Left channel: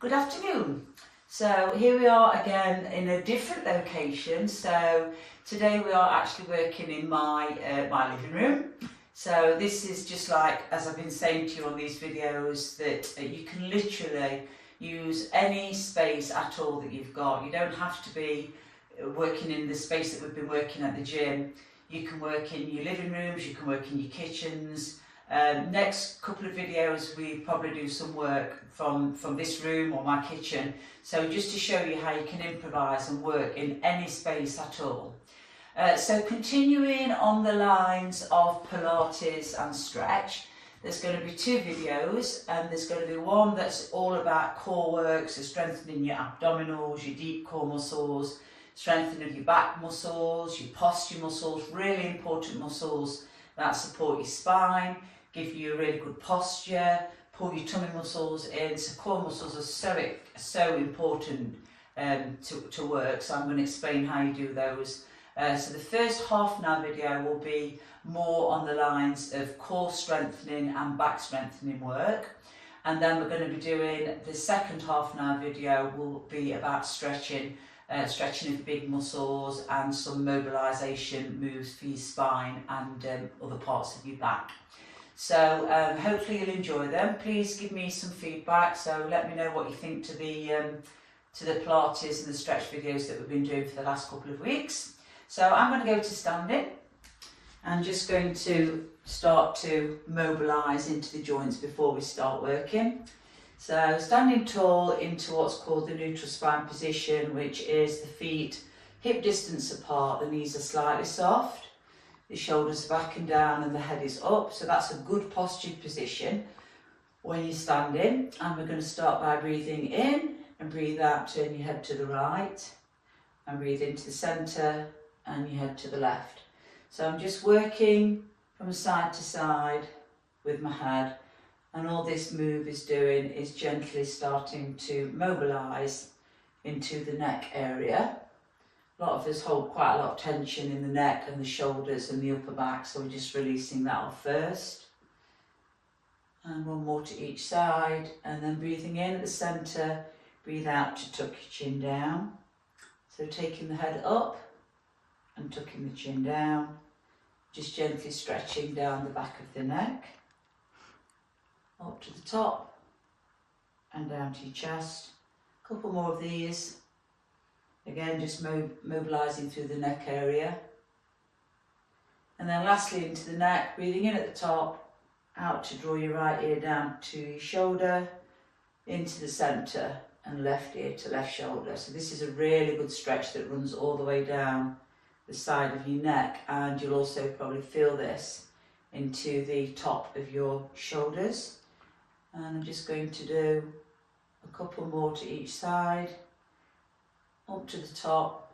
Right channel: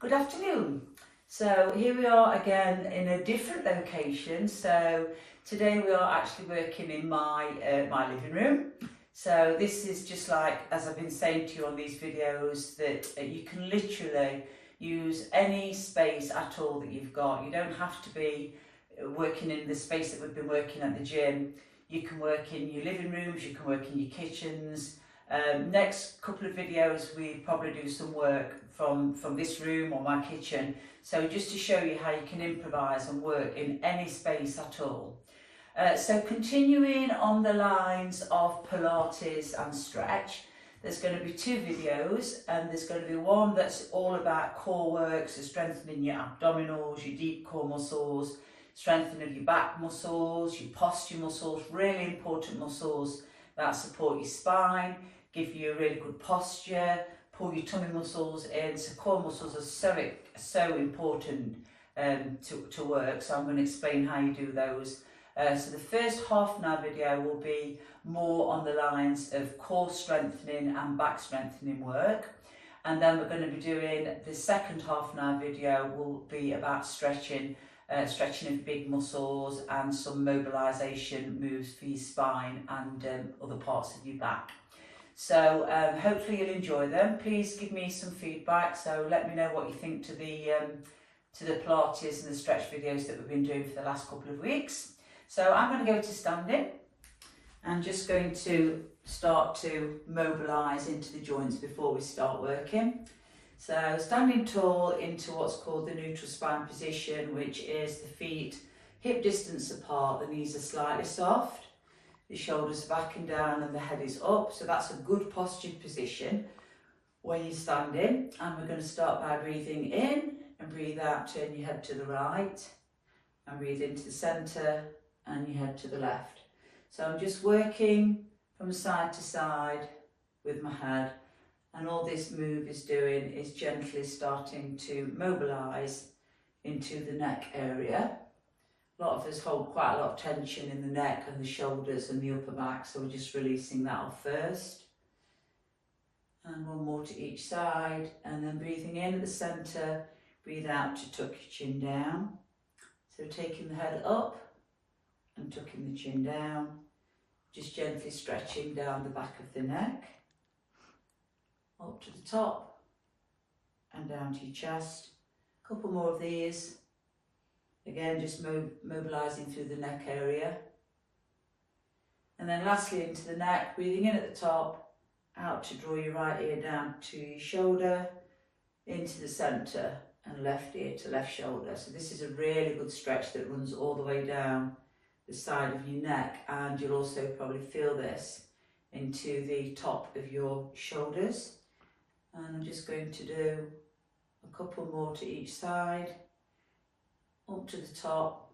Good afternoon. So here we are again in a different location. So today we are actually working in my living room. So this is just like, as I've been saying to you on these videos, that you can literally use any space at all that you've got. You don't have to be working in the space that we've been working at the gym. You can work in your living rooms, you can work in your kitchens. Next couple of videos we probably do some work from this room or my kitchen, so just to show you how you can improvise and work in any space at all. So continuing on the lines of Pilates and stretch, there's going to be two videos, and there's going to be one that's all about core work, so strengthening your abdominals, your deep core muscles, strengthening of your back muscles, your posture muscles, really important muscles that support your spine, give you a really good posture, pull your tummy muscles in. So core muscles are so important to work, so I'm going to explain how you do those. So the first half an hour video will be more on the lines of core strengthening and back strengthening work, and then we're going to be doing the second half an hour video will be about stretching of big muscles and some mobilisation moves for your spine and other parts of your back. So hopefully you'll enjoy them. Please give me some feedback, so let me know what you think to the Pilates and the stretch videos that we've been doing for the last couple of weeks. So I'm going to go to standing and just going to start to mobilise into the joints before we start working. So standing tall into what's called the neutral spine position, which is the feet hip distance apart, the knees are slightly soft, the shoulders back and down and the head is up. So that's a good postured position when you're standing. And we're going to start by breathing in and breathe out, turn your head to the right and breathe into the centre and your head to the left. So I'm just working from side to side with my head, and all this move is doing is gently starting to mobilise into the neck area. A lot of us hold quite a lot of tension in the neck and the shoulders and the upper back, so we're just releasing that off first. And one more to each side, and then breathing in at the centre, breathe out to tuck your chin down. So taking the head up and tucking the chin down, just gently stretching down the back of the neck, up to the top and down to your chest. A couple more of these. Again, just mobilising through the neck area. And then lastly into the neck, breathing in at the top, out to draw your right ear down to your shoulder, into the centre and left ear to left shoulder. So this is a really good stretch that runs all the way down the side of your neck, and you'll also probably feel this into the top of your shoulders. And I'm just going to do a couple more to each side, up to the top,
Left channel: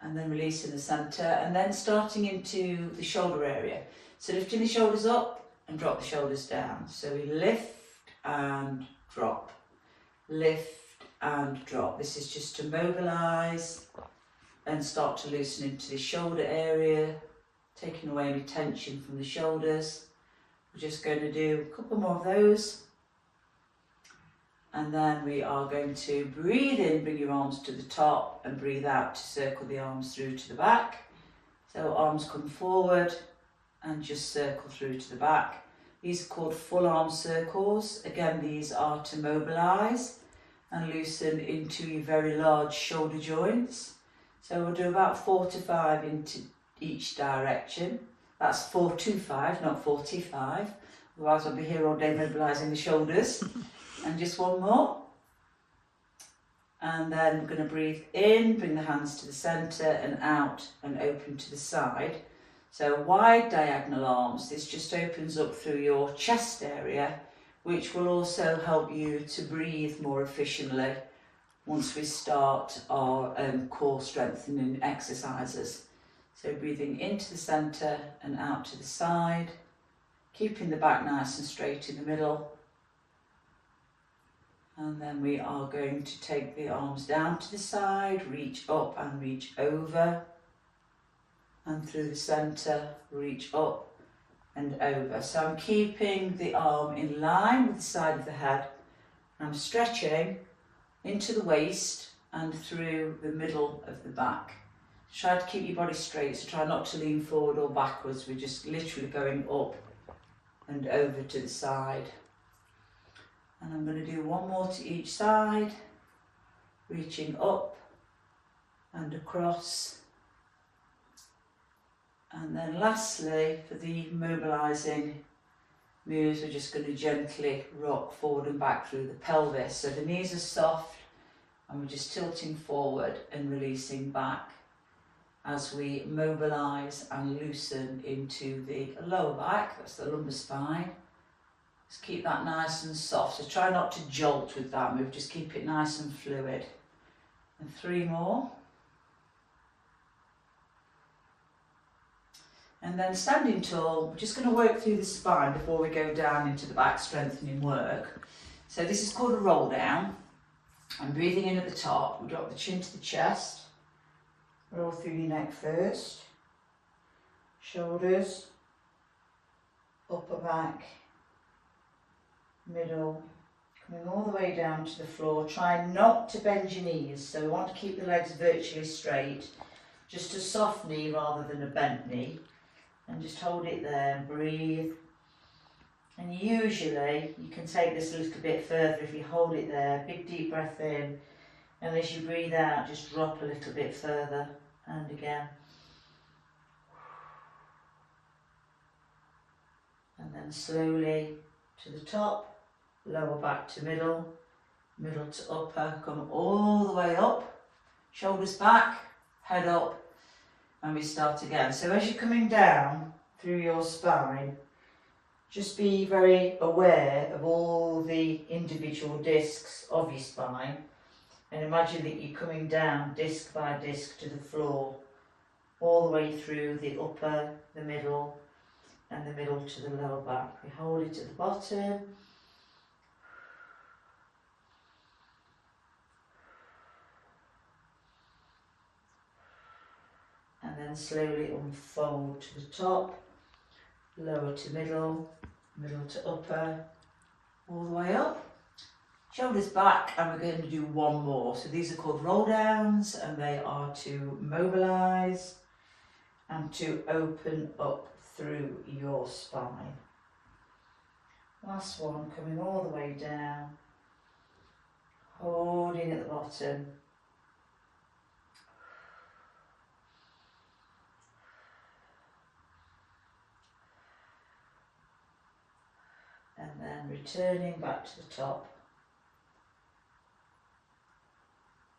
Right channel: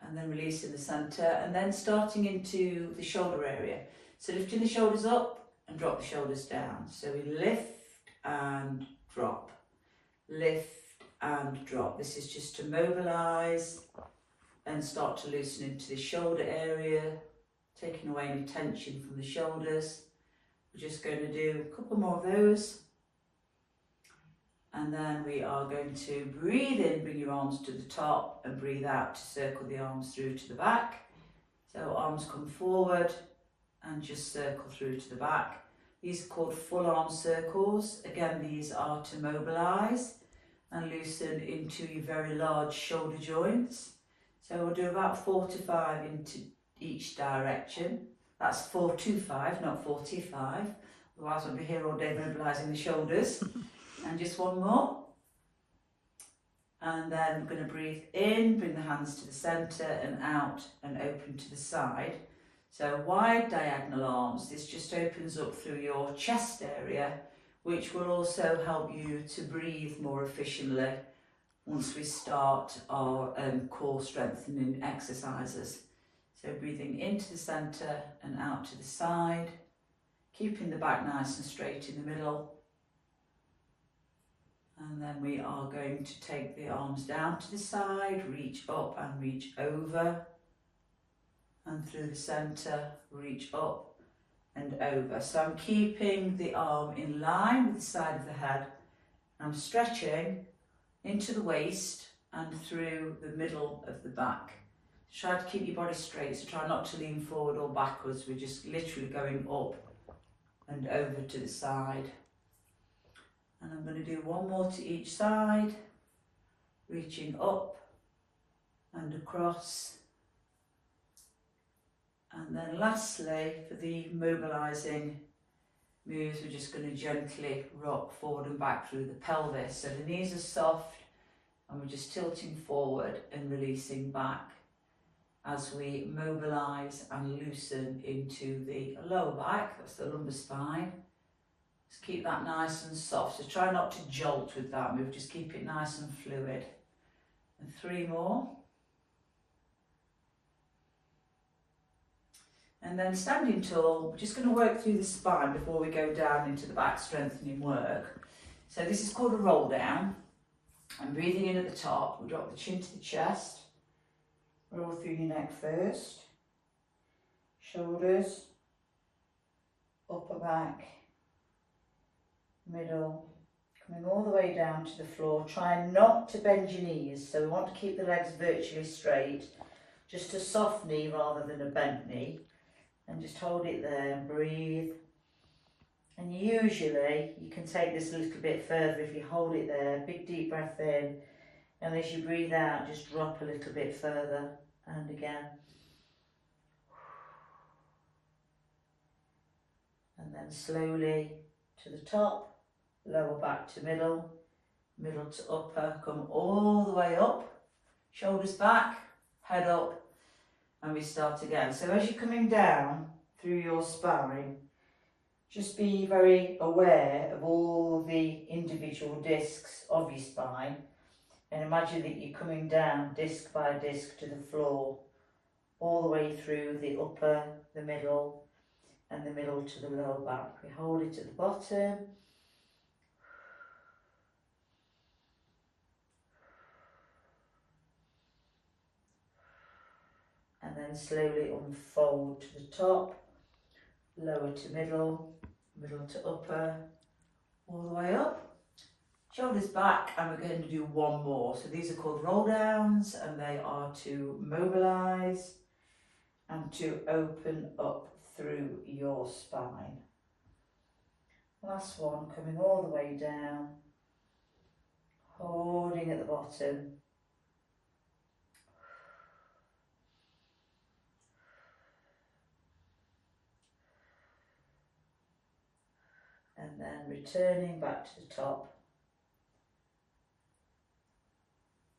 and then releasing the centre, and then starting into the shoulder area. So lifting the shoulders up and drop the shoulders down. So we lift and drop, lift and drop. This is just to mobilise and start to loosen into the shoulder area, taking away any tension from the shoulders. We're just going to do a couple more of those. And then we are going to breathe in, bring your arms to the top, and breathe out to circle the arms through to the back. So arms come forward and just circle through to the back. These are called full arm circles. Again, these are to mobilise and loosen into your very large shoulder joints. So we'll do about 4 to 5 into each direction. That's 4 to 5, not 45. Otherwise I'll be here all day mobilising the shoulders. And just one more. And then we're going to breathe in, bring the hands to the centre and out and open to the side. So wide diagonal arms. This just opens up through your chest area, which will also help you to breathe more efficiently once we start our core strengthening exercises. So breathing into the centre and out to the side, keeping the back nice and straight in the middle. And then we are going to take the arms down to the side, reach up and reach over, and through the centre, reach up and over. So I'm keeping the arm in line with the side of the head. I'm stretching into the waist and through the middle of the back. Try to keep your body straight, so try not to lean forward or backwards. We're just literally going up and over to the side. And I'm going to do one more to each side, reaching up and across. And then lastly, for the mobilising moves, we're just going to gently rock forward and back through the pelvis. So the knees are soft and we're just tilting forward and releasing back as we mobilise and loosen into the lower back, that's the lumbar spine. Just keep that nice and soft, so try not to jolt with that move, just keep it nice and fluid. And 3 more. And then standing tall, we're just going to work through the spine before we go down into the back strengthening work. So this is called a roll down. I'm breathing in at the top, we drop the chin to the chest. Roll through your neck first, shoulders, upper back, middle, coming all the way down to the floor. Try not to bend your knees, so we want to keep the legs virtually straight, just a soft knee rather than a bent knee, and just hold it there and breathe. And usually you can take this a little bit further if you hold it there, big deep breath in, and as you breathe out just drop a little bit further. And again, and then slowly to the top, lower back to middle, middle to upper, come all the way up, shoulders back, head up, and we start again. So as you're coming down through your spine, just be very aware of all the individual discs of your spine. And imagine that you're coming down disc by disc to the floor, all the way through the upper, the middle, and the middle to the lower back. We hold it at the bottom. And then slowly unfold to the top, lower to middle, middle to upper, all the way up. Shoulders back, and we're going to do one more. So these are called roll downs, and they are to mobilise and to open up through your spine. Last one, coming all the way down, holding at the bottom. And then returning back to the top.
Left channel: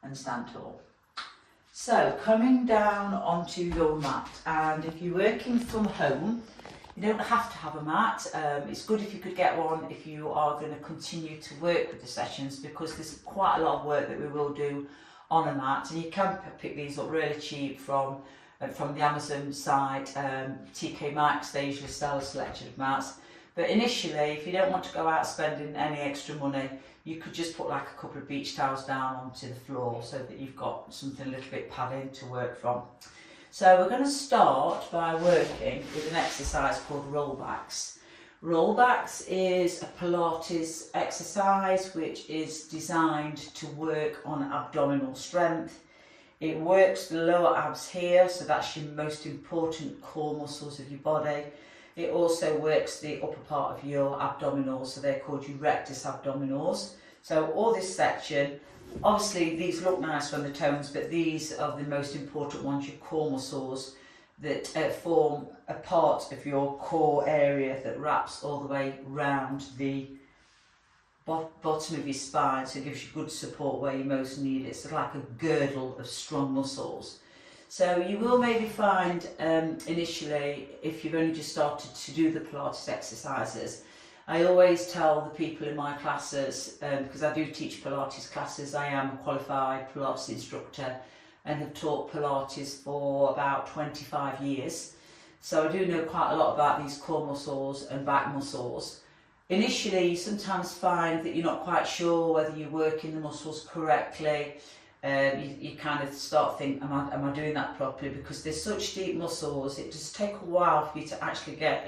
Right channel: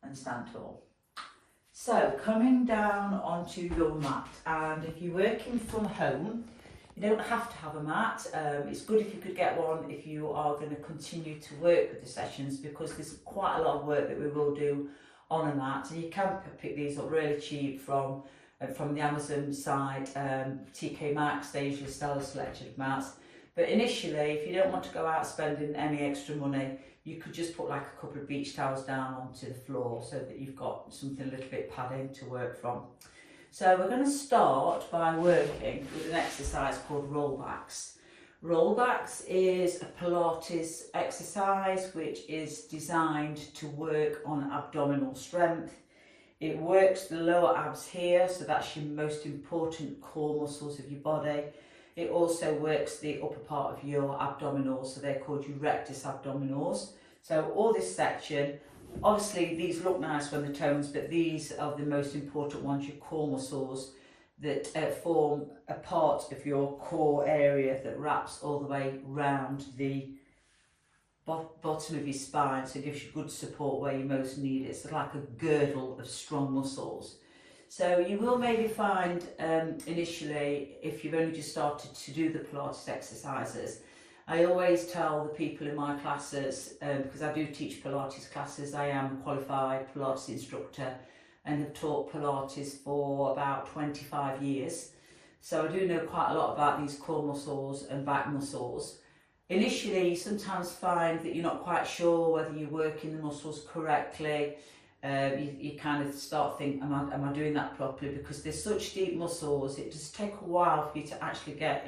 And stand tall. So coming down onto your mat, and if you're working from home, you don't have to have a mat. It's good if you could get one if you are going to continue to work with the sessions, because there's quite a lot of work that we will do on a mat, and you can pick these up really cheap from the Amazon site, TK Maxx. They usually sell a selection of mats. But initially, if you don't want to go out spending any extra money, you could just put like a couple of beach towels down onto the floor so that you've got something a little bit padded to work from. So we're going to start by working with an exercise called rollbacks. Rollbacks is a Pilates exercise which is designed to work on abdominal strength. It works the lower abs here, so that's your most important core muscles of your body. It also works the upper part of your abdominals, so they're called your rectus abdominals. So all this section, obviously these look nice from the tones, but these are the most important ones, your core muscles that form a part of your core area that wraps all the way round the bottom of your spine, so it gives you good support where you most need it. It's like a girdle of strong muscles. So you will maybe find initially, if you've only just started to do the Pilates exercises, I always tell the people in my classes, because I do teach Pilates classes, I am a qualified Pilates instructor and have taught Pilates for about 25 years. So I do know quite a lot about these core muscles and back muscles. Initially, you sometimes find that you're not quite sure whether you're working the muscles correctly. You kind of start thinking, am I doing that properly? Because they're such deep muscles, it does take a while for you to actually get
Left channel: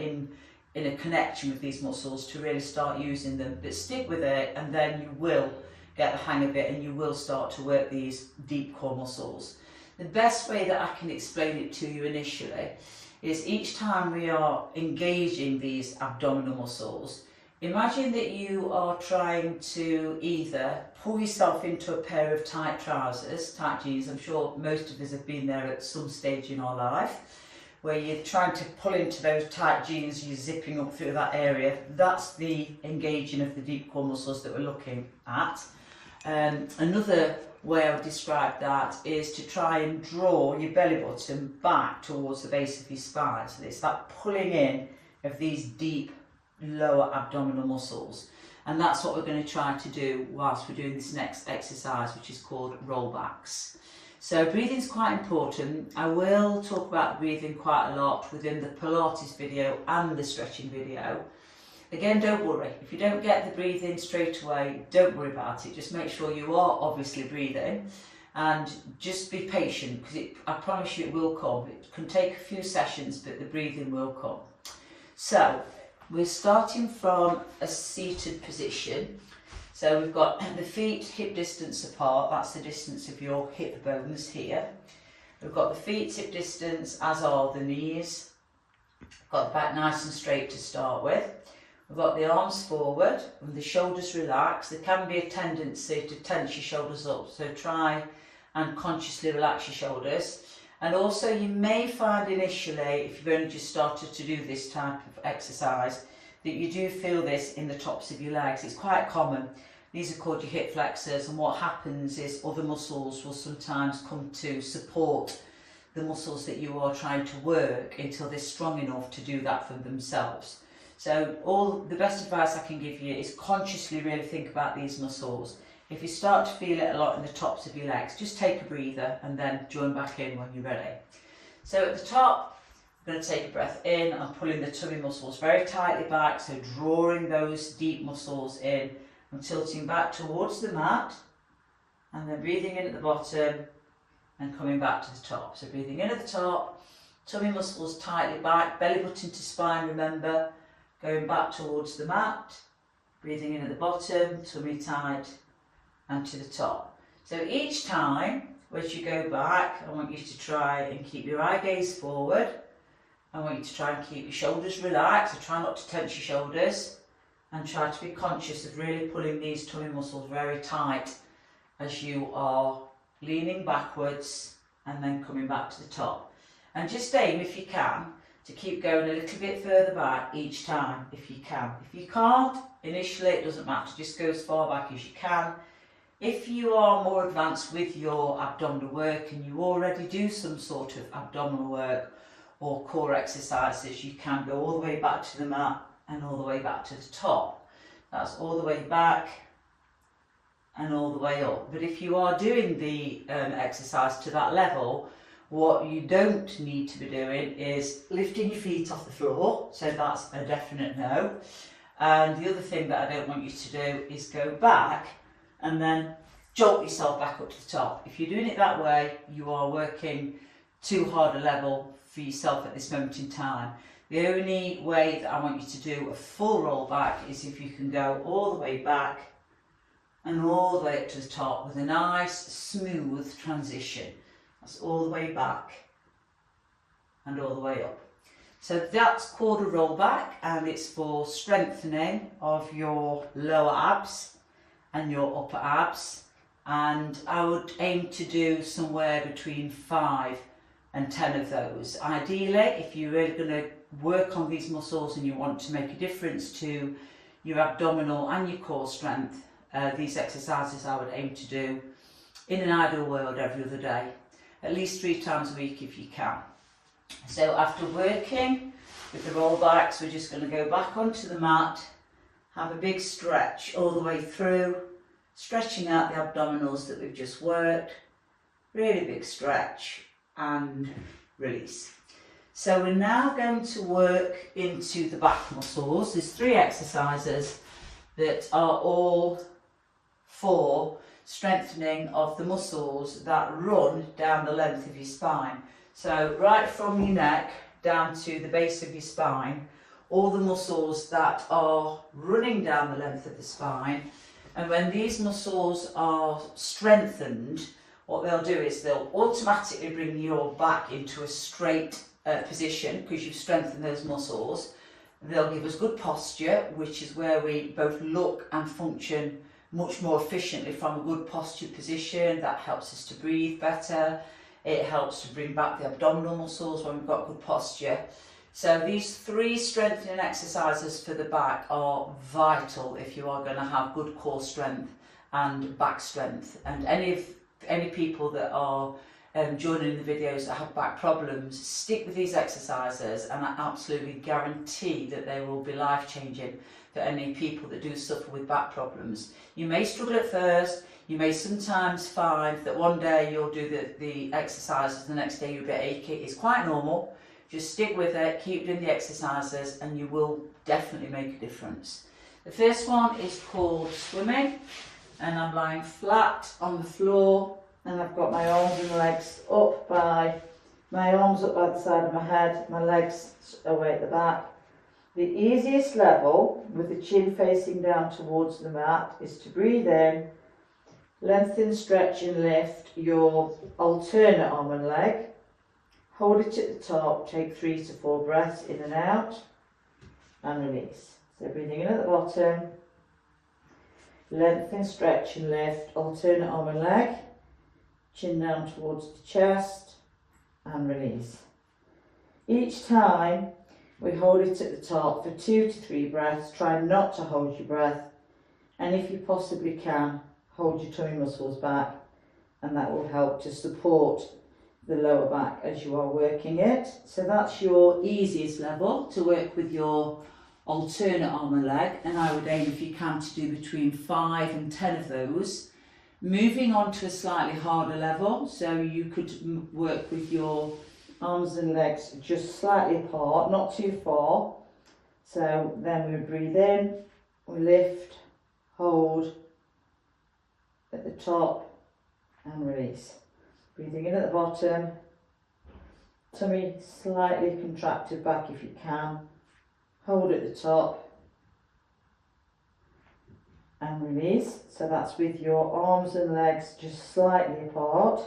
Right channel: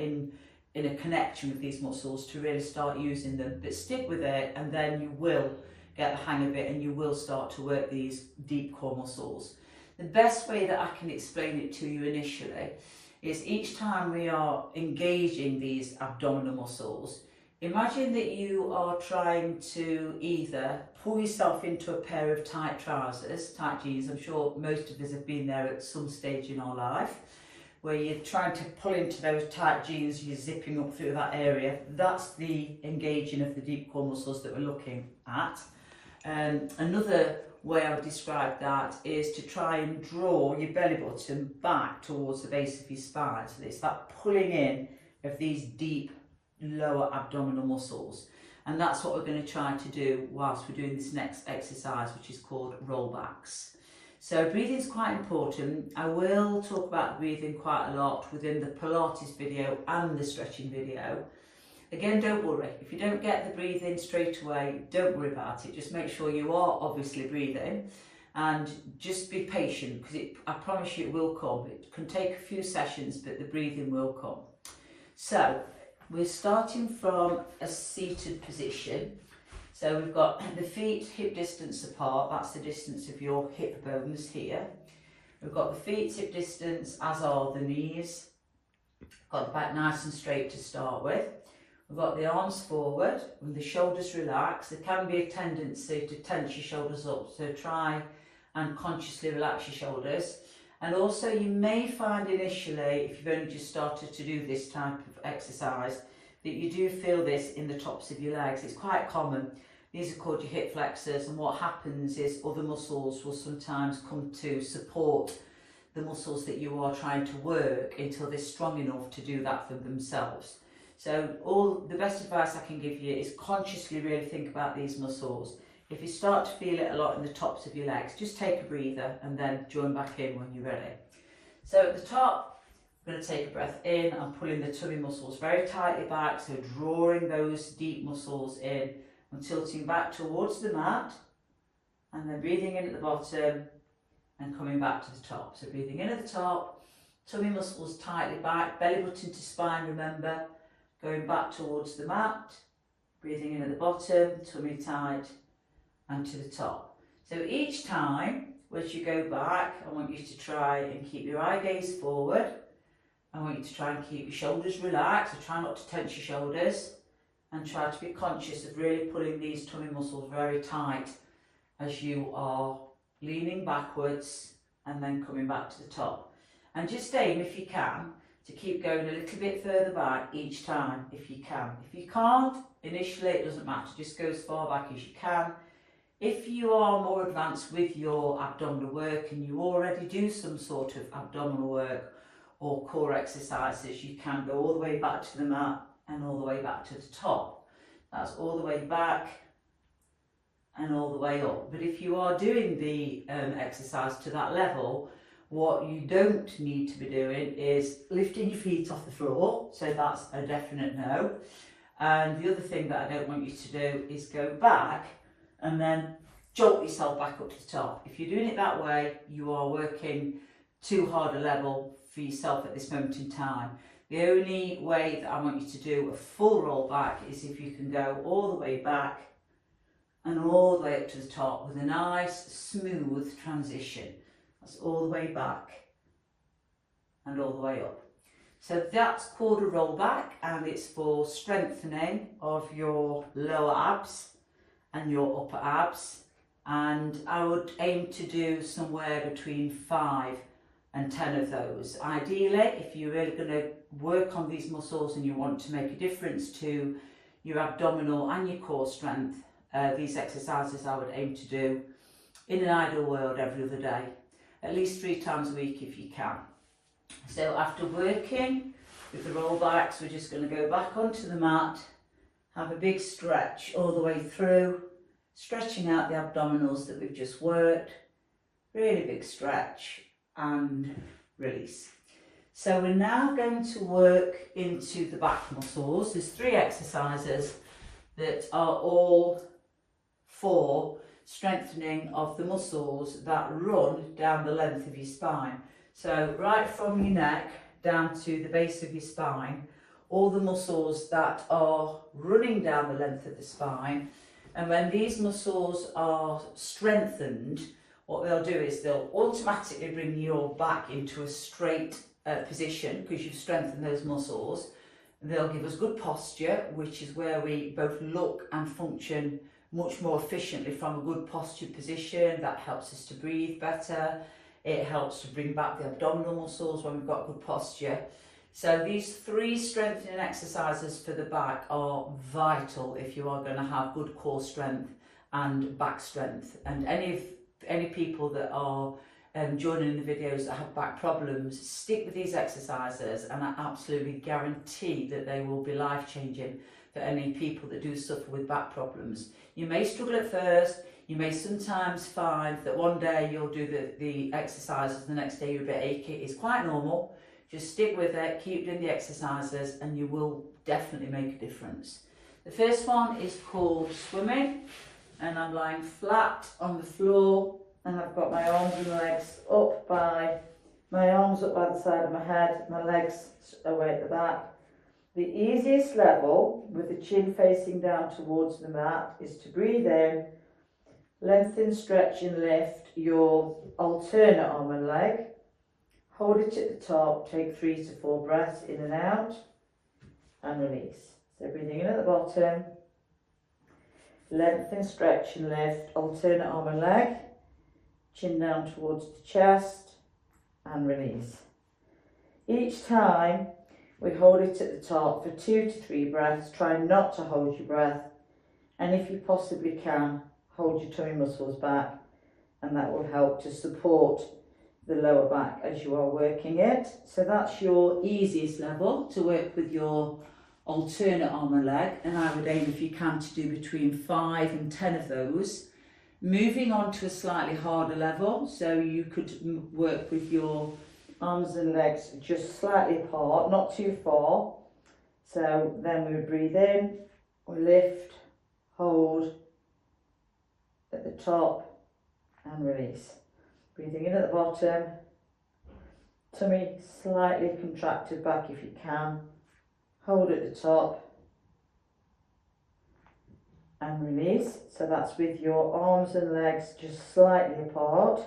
in a connection with these muscles to really start using them. But stick with it, and then you will get the hang of it, and you will start to work these deep core muscles. The best way that I can explain it to you initially is each time we are engaging these abdominal muscles, imagine that you are trying to either pull yourself into a pair of tight trousers, tight jeans. I'm sure most of us have been there at some stage in our life, where you're trying to pull into those tight jeans, you're zipping up through that area. That's the engaging of the deep core muscles that we're looking at. Another way I would describe that is to try and draw your belly button back towards the base of your spine. So it's that pulling in of these deep lower abdominal muscles. And that's what we're going to try to do whilst we're doing this next exercise, which is called rollbacks. So breathing is quite important. I will talk about breathing quite a lot within the Pilates video and the stretching video. Again, don't worry. If you don't get the breathing straight away, don't worry about it. Just make sure you are obviously breathing, and just be patient, because I promise you it will come. It can take a few sessions, but the breathing will come. So we're starting from a seated position. So we've got the feet hip distance apart. That's the distance of your hip bones here. We've got the feet hip distance, as are the knees. Got the back nice and straight to start with. We've got the arms forward and the shoulders relaxed. There can be a tendency to tense your shoulders up, so try and consciously relax your shoulders. And also you may find initially, if you've only just started to do this type of exercise, that you do feel this in the tops of your legs. It's quite common. These are called your hip flexors, and what happens is other muscles will sometimes come to support the muscles that you are trying to work until they're strong enough to do that for themselves. So the best advice I can give you is consciously really think about these muscles. If you start to feel it a lot in the tops of your legs, just take a breather and then join back in when you're ready. So at the top, I'm going to take a breath in. I'm pulling the tummy muscles very tightly back, so drawing those deep muscles in. I'm tilting back towards the mat, and then breathing in at the bottom and coming back to the top. So breathing in at the top, tummy muscles tightly back, belly button to spine, remember. Going back towards the mat, breathing in at the bottom, tummy tight, and to the top. So each time, as you go back, I want you to try and keep your eye gaze forward. I want you to try and keep your shoulders relaxed, so try not to tense your shoulders, and try to be conscious of really pulling these tummy muscles very tight as you are leaning backwards and then coming back to the top. And just aim, if you can, to keep going a little bit further back each time, if you can. If you can't, initially it doesn't matter, just go as far back as you can. If you are more advanced with your abdominal work and you already do some sort of abdominal work or core exercises, you can go all the way back to the mat and all the way back to the top. That's all the way back and all the way up. But if you are doing the exercise to that level, what you don't need to be doing is lifting your feet off the floor, so that's a definite no. And the other thing that I don't want you to do is go back and then jolt yourself back up to the top. If you're doing it that way, you are working too hard a level for yourself at this moment in time. The only way that I want you to do a full roll back is if you can go all the way back and all the way up to the top with a nice smooth transition. That's all the way back and all the way up. So that's called a roll back, and it's for strengthening of your lower abs and your upper abs. And I would aim to do somewhere between 5 and 10 of those. Ideally, if you're really going to work on these muscles and you want to make a difference to your abdominal and your core strength, these exercises I would aim to do in an ideal world every other day, at least 3 times a week if you can. So after working with the roll backs, we're just going to go back onto the mat, have a big stretch all the way through, stretching out the abdominals that we've just worked, really big stretch and release. So we're now going to work into the back muscles. There's 3 exercises that are all for strengthening of the muscles that run down the length of your spine. So right from your neck down to the base of your spine, all the muscles that are running down the length of the spine. And when these muscles are strengthened, what they'll do is they'll automatically bring your back into a straight position because you've strengthened those muscles. They'll give us good posture, which is where we both look and function much more efficiently from a good posture position. That helps us to breathe better. It helps to bring back the abdominal muscles when we've got good posture. So these 3 strengthening exercises for the back are vital if you are going to have good core strength and back strength. And any people that are joining in the videos that have back problems, stick with these exercises, and I absolutely guarantee that they will be life-changing for any people that do suffer with back problems. You may struggle at first, you may sometimes find that one day you'll do the exercises, the next day you're a bit achy. It's quite normal. Just stick with it, keep doing the exercises, and you will definitely make a difference. The first one is called swimming, and I'm lying flat on the floor, and I've got my arms and legs up by, my arms up by the side of my head, my legs away at the back. The easiest level, with the chin facing down towards the mat, is to breathe in, lengthen, stretch and lift your alternate arm and leg. Hold it at the top, take 3 to 4 breaths in and out, and release. So breathing in at the bottom, lengthen, stretch and lift, alternate arm and leg, chin down towards the chest, and release. Each time we hold it at the top for 2 to 3 breaths. Try not to hold your breath, and if you possibly can, hold your tummy muscles back, and that will help to support the lower back as you are working it. So that's your easiest level to work with your alternate arm and leg, and I would aim, if you can, to do between 5 and 10 of those. Moving on to a slightly harder level, so you could work with your arms and legs just slightly apart, not too far. So then we would breathe in, we lift, hold at the top and release. Breathing in at the bottom, tummy slightly contracted back if you can, hold at the top and release. So that's with your arms and legs just slightly apart.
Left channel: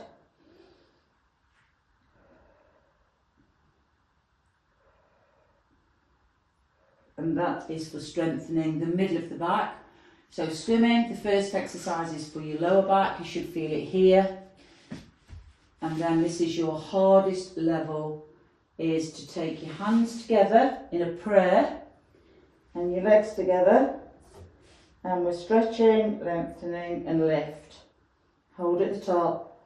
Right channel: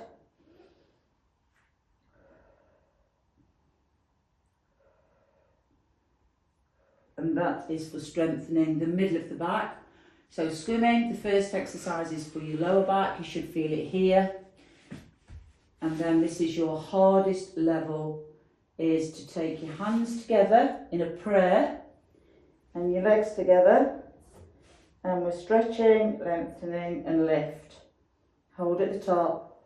And that is for strengthening the middle of the back. So swimming, the first exercise is for your lower back. You should feel it here. And then this is your hardest level, is to take your hands together in a prayer and your legs together. And we're stretching, lengthening and lift. Hold at the top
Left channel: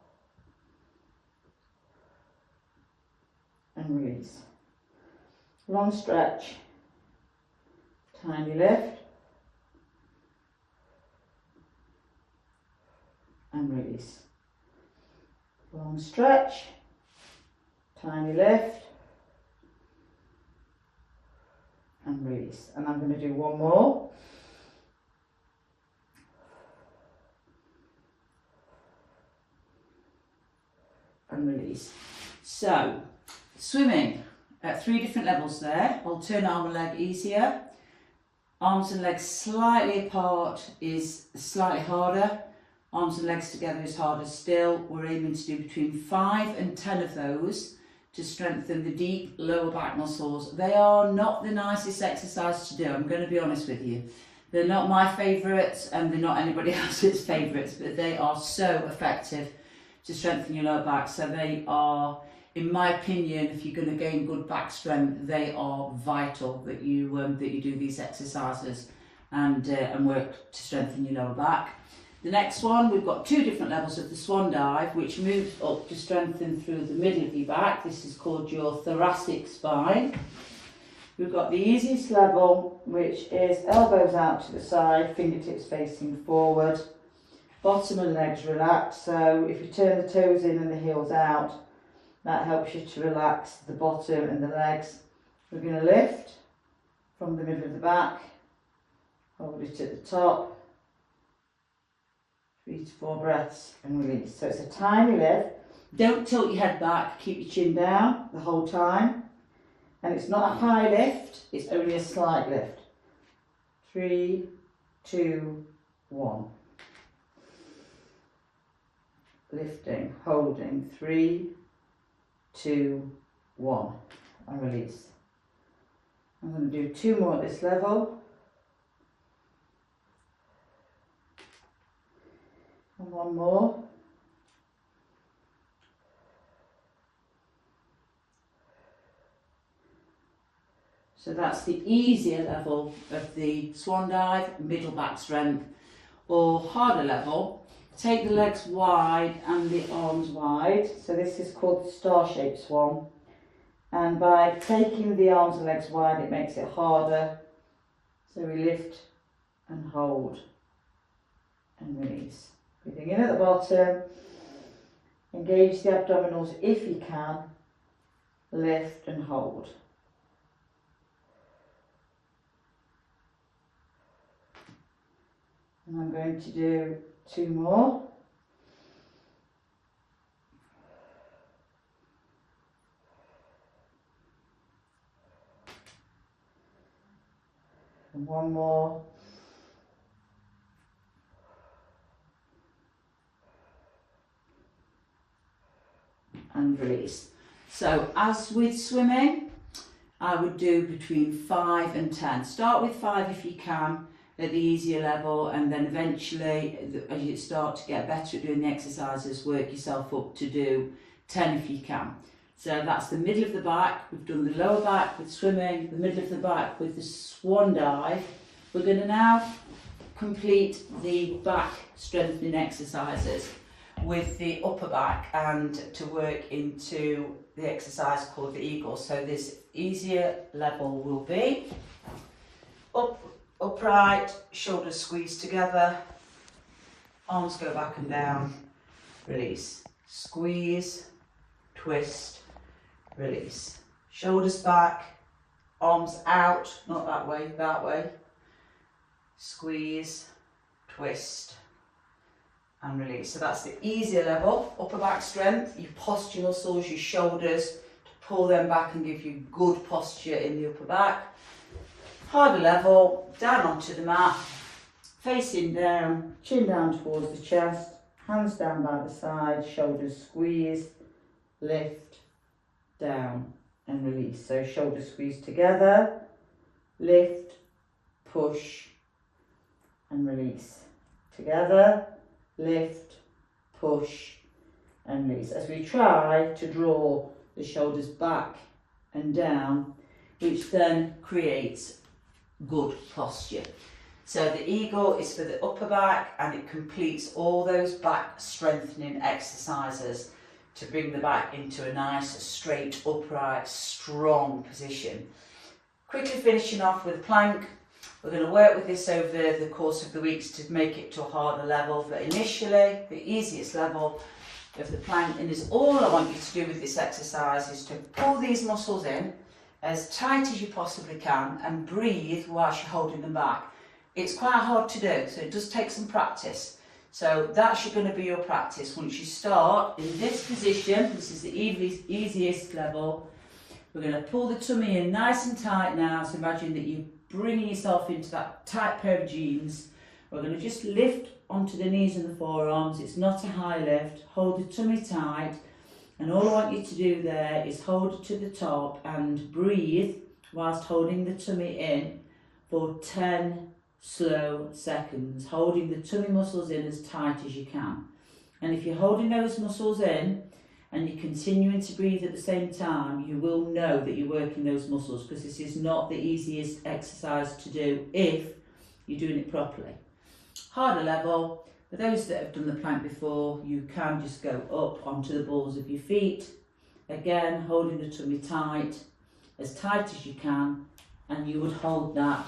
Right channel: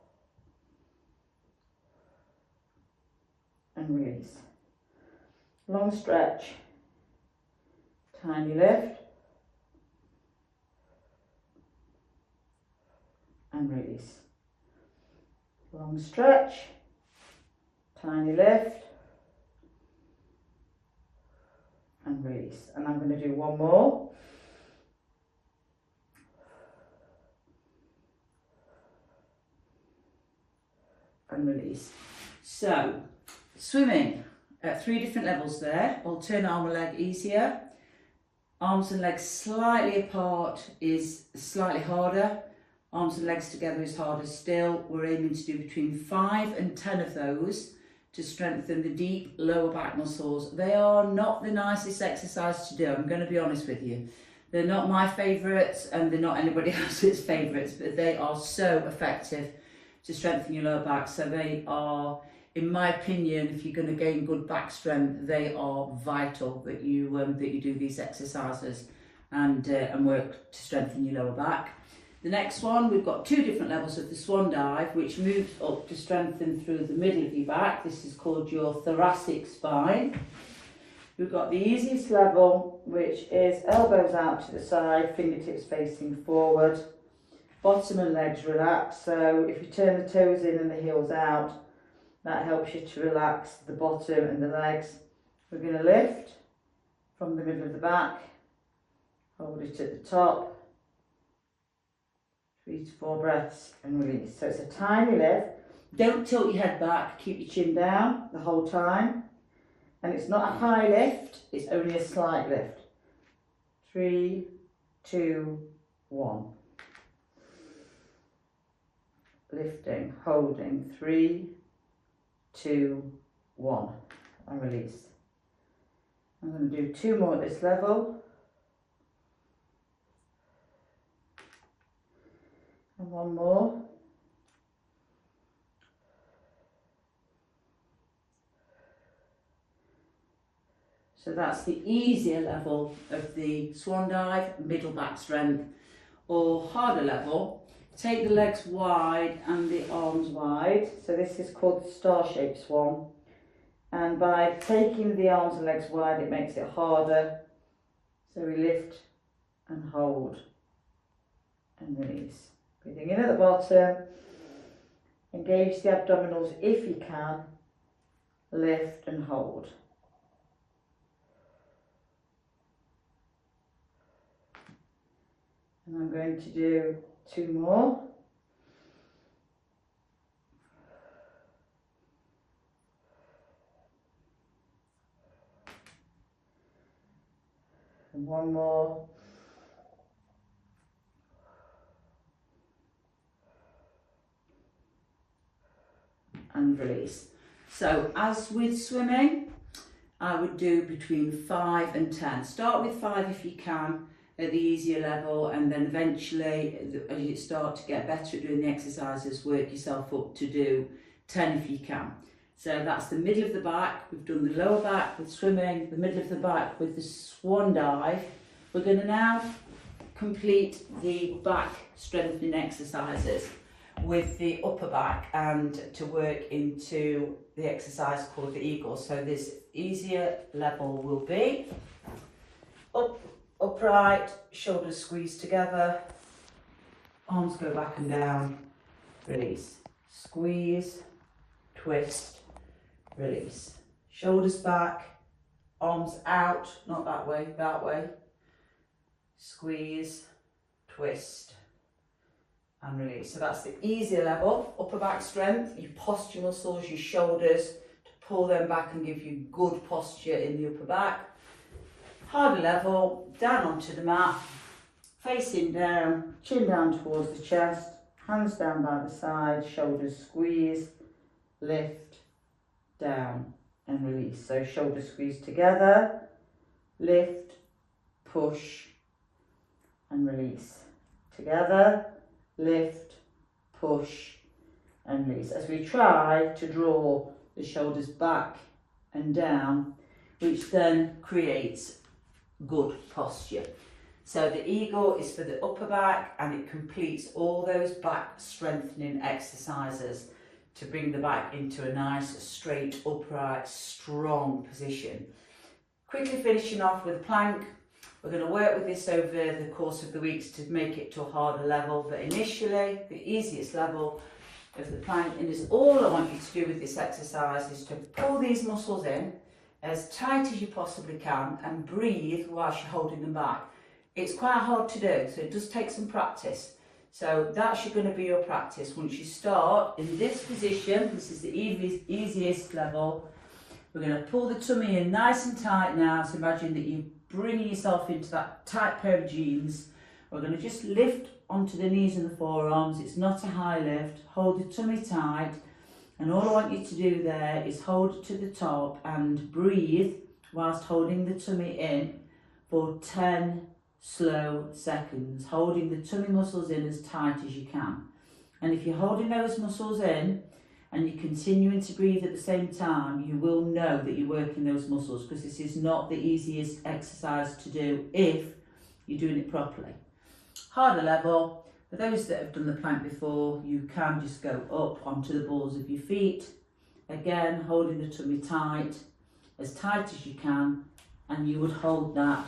and release. Long stretch, tiny lift and release. Long stretch, tiny lift and release. And I'm going to do one more. And release. So, swimming at 3 different levels there. Alternate arm and leg easier. Arms and legs slightly apart is slightly harder. Arms and legs together is harder still. We're aiming to do between 5 and 10 of those to strengthen the deep lower back muscles. They are not the nicest exercise to do, I'm going to be honest with you. They're not my favourites and they're not anybody else's favourites, but they are so effective to strengthen your lower back. So they are, in my opinion, if you're going to gain good back strength, they are vital that you do these exercises and work to strengthen your lower back. The next one, we've got 2 different levels of the swan dive, which moves up to strengthen through the middle of your back. This is called your thoracic spine. We've got the easiest level, which is elbows out to the side, fingertips facing forward. Bottom and legs relax, so if you turn the toes in and the heels out, that helps you to relax the bottom and the legs. We're going to lift from the middle of the back, hold it at the top, 3 to 4 breaths and release. So it's a tiny lift. Don't tilt your head back, keep your chin down the whole time. And it's not a high lift, it's only a slight lift. 3, 2, 1. Lifting, holding, 3, 2, 1, and release. I'm going to do 2 more at this level. And 1 more. So that's the easier level of the swan dive, middle back strength, or harder level. Take the legs wide and the arms wide. So this is called the star-shaped swan. And by taking the arms and legs wide, it makes it harder. So we lift and hold and release. Breathing in at the bottom. Engage the abdominals if you can. Lift and hold. And I'm going to do 2 more. And 1 more. And release. So as with swimming, I would do between 5 and 10. Start with 5 if you can at the easier level, and then eventually as you start to get better at doing the exercises, work yourself up to do 10 if you can. So that's the middle of the back. We've done the lower back with swimming, the middle of the back with the swan dive. We're going to now complete the back strengthening exercises with the upper back and to work into the exercise called the eagle. So this easier level will be upright, shoulders squeeze together, arms go back and down, release, squeeze, twist, release, shoulders back, arms out, not that way, squeeze, twist, and release. So that's the easier level, upper back strength, your posture muscles, your shoulders, to pull them back and give you good posture in the upper back. Harder level, down onto the mat, facing down, chin down towards the chest, hands down by the side, shoulders squeeze, lift, down and release. So shoulders squeeze together, lift, push and release. Together, lift, push and release. As we try to draw the shoulders back and down, which then creates good posture. So the eagle is for the upper back and it completes all those back strengthening exercises to bring the back into a nice, straight, upright, strong position. Quickly finishing off with a plank. We're going to work with this over the course of the weeks to make it to a harder level, but initially the easiest level of the plank, and is all I want you to do with this exercise, is to pull these muscles in as tight as you possibly can and breathe whilst you're holding them back. It's quite hard to do, so it does take some practice. So that's going to be your practice. Once you start in this position, this is the easiest level, we're going to pull the tummy in nice and tight now. So imagine that you're bringing yourself into that tight pair of jeans. We're going to just lift onto the knees and the forearms. It's not a high lift. Hold the tummy tight. And all I want you to do there is hold it to the top and breathe whilst holding the tummy in for 10 slow seconds, holding the tummy muscles in as tight as you can. And if you're holding those muscles in and you're continuing to breathe at the same time, you will know that you're working those muscles, because this is not the easiest exercise to do if you're doing it properly. Harder level. For those that have done the plank before, you can just go up onto the balls of your feet. Again, holding the tummy tight as you can, and you would hold that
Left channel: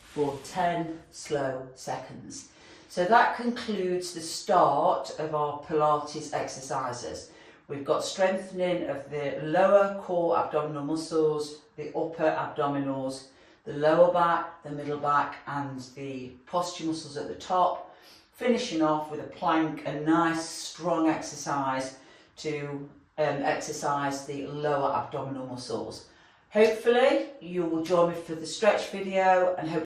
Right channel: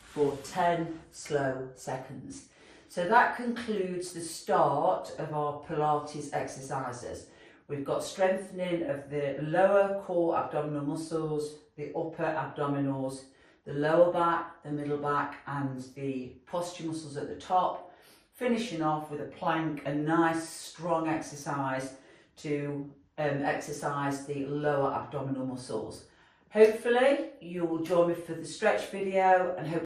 for 10 slow seconds. So that concludes the start of our Pilates exercises. We've got strengthening of the lower core abdominal muscles, the upper abdominals, the lower back, the middle back, and the posture muscles at the top. Finishing off with a plank, a nice strong exercise to exercise the lower abdominal muscles. Hopefully you will join me for the stretch video, and hopefully